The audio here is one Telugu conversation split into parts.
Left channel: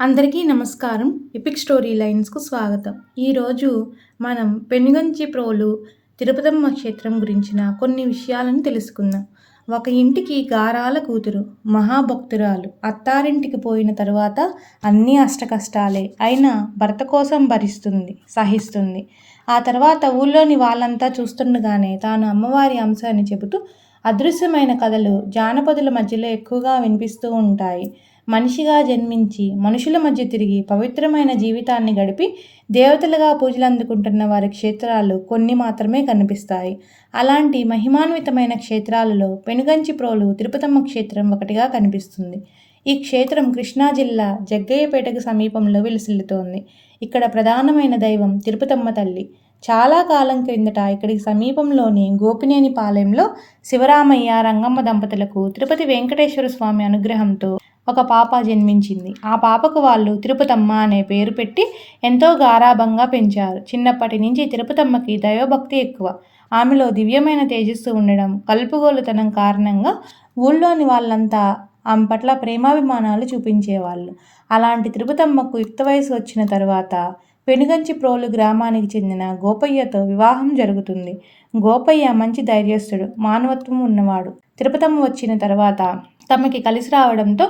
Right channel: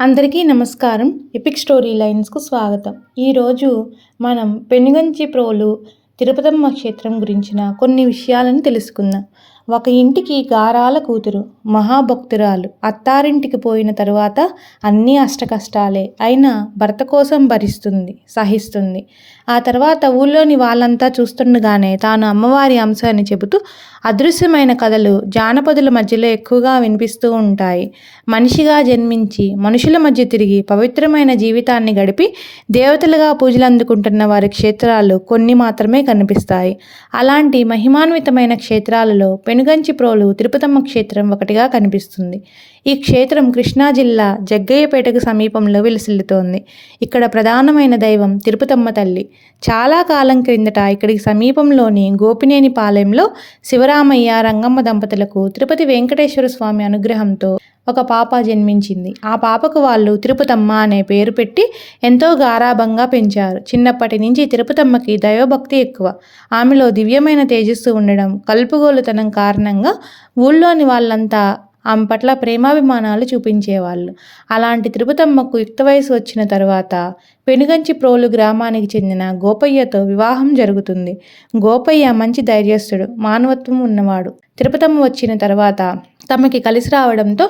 అందరికీ నమస్కారం. ఎపిక్ స్టోరీ లైన్స్‌కు స్వాగతం. ఈరోజు మనం పెనుగంచి ప్రోలు తిరుపతమ్మ క్షేత్రం గురించిన కొన్ని విషయాలను తెలుసుకుందాం. ఒక ఇంటికి గారాల కూతురు, మహాభక్తురాలు. అత్తారింటికి పోయిన తరువాత అన్నీ అష్టకష్టాలే. అయినా భర్త కోసం భరిస్తుంది, సహిస్తుంది. ఆ తర్వాత ఊళ్ళోని వాళ్ళంతా చూస్తుండగానే తాను అమ్మవారి అంశ అని చెబుతూ అదృశ్యమైన కథలు జానపదుల మధ్యలో ఎక్కువగా వినిపిస్తూ ఉంటాయి. మనిషిగా జన్మించి మనుషుల మధ్య తిరిగి పవిత్రమైన జీవితాన్ని గడిపి దేవతలుగా పూజలు అందుకుంటున్న వారి క్షేత్రాలు కొన్ని మాత్రమే కనిపిస్తాయి. అలాంటి మహిమాన్వితమైన క్షేత్రాలలో పెనుగంచి ప్రోలు తిరుపతమ్మ క్షేత్రం ఒకటిగా కనిపిస్తుంది. ఈ క్షేత్రం కృష్ణా జిల్లా జగ్గయ్యపేటకు సమీపంలో విలసిల్లుతోంది. ఇక్కడ ప్రధానమైన దైవం తిరుపతమ్మ తల్లి. చాలా కాలం క్రిందట ఇక్కడికి సమీపంలోని గోపినేని పాలెంలో శివరామయ్య, రంగమ్మ దంపతులకు తిరుపతి వెంకటేశ్వర స్వామి అనుగ్రహంతో ఒక పాప జన్మించింది. ఆ పాపకు వాళ్ళు తిరుపతమ్మ అనే పేరు పెట్టి ఎంతో గారాబంగా పెంచారు. చిన్నప్పటి నుంచి తిరుపతమ్మకి దైవభక్తి ఎక్కువ. ఆమెలో దివ్యమైన తేజస్సు ఉండడం, కలుపుగోలుతనం కారణంగా ఊళ్ళోని వాళ్ళంతా ఆమె పట్ల ప్రేమాభిమానాలు చూపించేవాళ్ళు. అలాంటి తిరుపతమ్మకు యుక్త వయసు వచ్చిన తరువాత పెనుగంచి ప్రోలు గ్రామానికి చెందిన గోపయ్యతో వివాహం జరుగుతుంది. గోపయ్య మంచి ధైర్యస్తుడు, మానవత్వం ఉన్నవాడు. తిరుపతమ్మ వచ్చిన తర్వాత తమకి కలిసి రావడంతో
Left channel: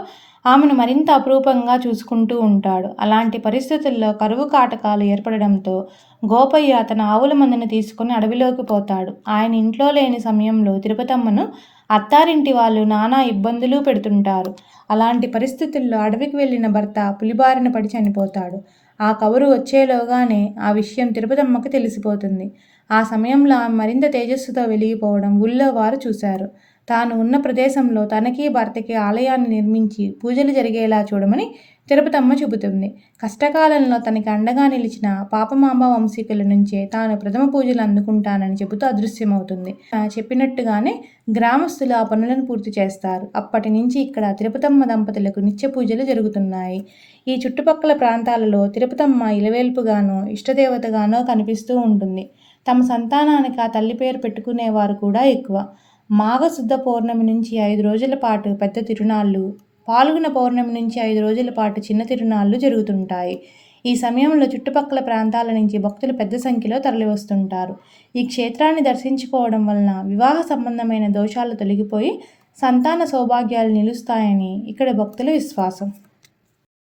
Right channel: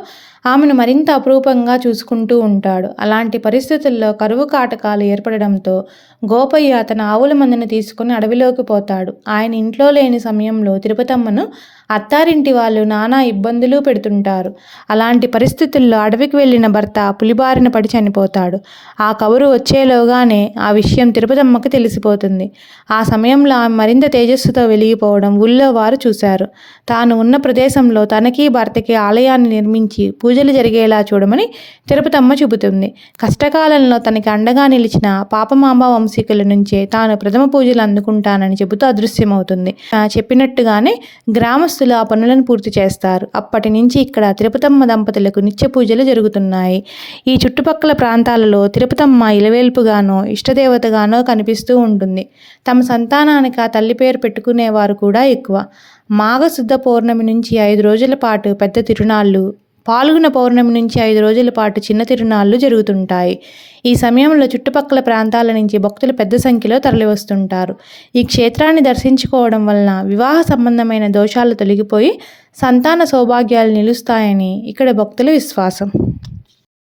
ఆమెను మరింత అపురూపంగా చూసుకుంటూ ఉంటాడు. అలాంటి పరిస్థితుల్లో కరువు కాటకాలు ఏర్పడడంతో గోపయ్య తన ఆవుల మందను తీసుకుని అడవిలోకి పోతాడు. ఆయన ఇంట్లో లేని సమయంలో తిరుపతమ్మను అత్తారింటి వాళ్ళు నానా ఇబ్బందులు పెడుతుంటారు. అలాంటి పరిస్థితుల్లో అడవికి వెళ్ళిన భర్త పులిబారిన పడి చనిపోతాడు. ఆ కబురు వచ్చేలోగానే ఆ విషయం తిరుపతమ్మకు తెలిసిపోతుంది. ఆ సమయంలో ఆమె మరింత తేజస్సుతో వెలిగిపోవడం ఊళ్ళో వారు చూశారు. తాను ఉన్న ప్రదేశంలో తనకి భర్తకి ఆలయాన్ని నిర్మించి పూజలు జరిగేలా చూడమని తిరుపతమ్మ చెబుతుంది. కష్టకాలంలో తనకి అండగా నిలిచిన పాపమాంబ వంశీకుల నుంచే తాను ప్రథమ పూజలు అందుకుంటానని చెబుతూ అదృశ్యమవుతుంది. చెప్పినట్టుగానే గ్రామస్తులు ఆ పనులను పూర్తి చేస్తారు. అప్పటి నుంచి ఇక్కడ తిరుపతమ్మ దంపతులకు నిత్య పూజలు జరుగుతున్నాయి. ఈ చుట్టుపక్కల ప్రాంతాలలో తిరుపతమ్మ ఇలవేల్పుగానో ఇష్టదేవతగానో కనిపిస్తూ ఉంటుంది. తమ సంతానానికి ఆ తల్లి పేరు పెట్టుకునేవారు కూడా ఎక్కువ. మాఘశుద్ధ పౌర్ణమి నుంచి 5 రోజుల పాటు పెద్ద తిరునాళ్ళు, పాల్గొన పౌర్ణమి నుంచి 5 రోజుల పాటు చిన్న తిరునాళ్ళు జరుగుతుంటాయి. ఈ సమయంలో చుట్టుపక్కల ప్రాంతాల నుంచి భక్తులు పెద్ద సంఖ్యలో తరలివస్తుంటారు. ఈ క్షేత్రాన్ని దర్శించుకోవడం వలన వివాహ సంబంధమైన దోషాలు తొలగిపోయి సంతాన సౌభాగ్యాలు నిలుస్తాయని ఇక్కడ భక్తుల విశ్వాసం.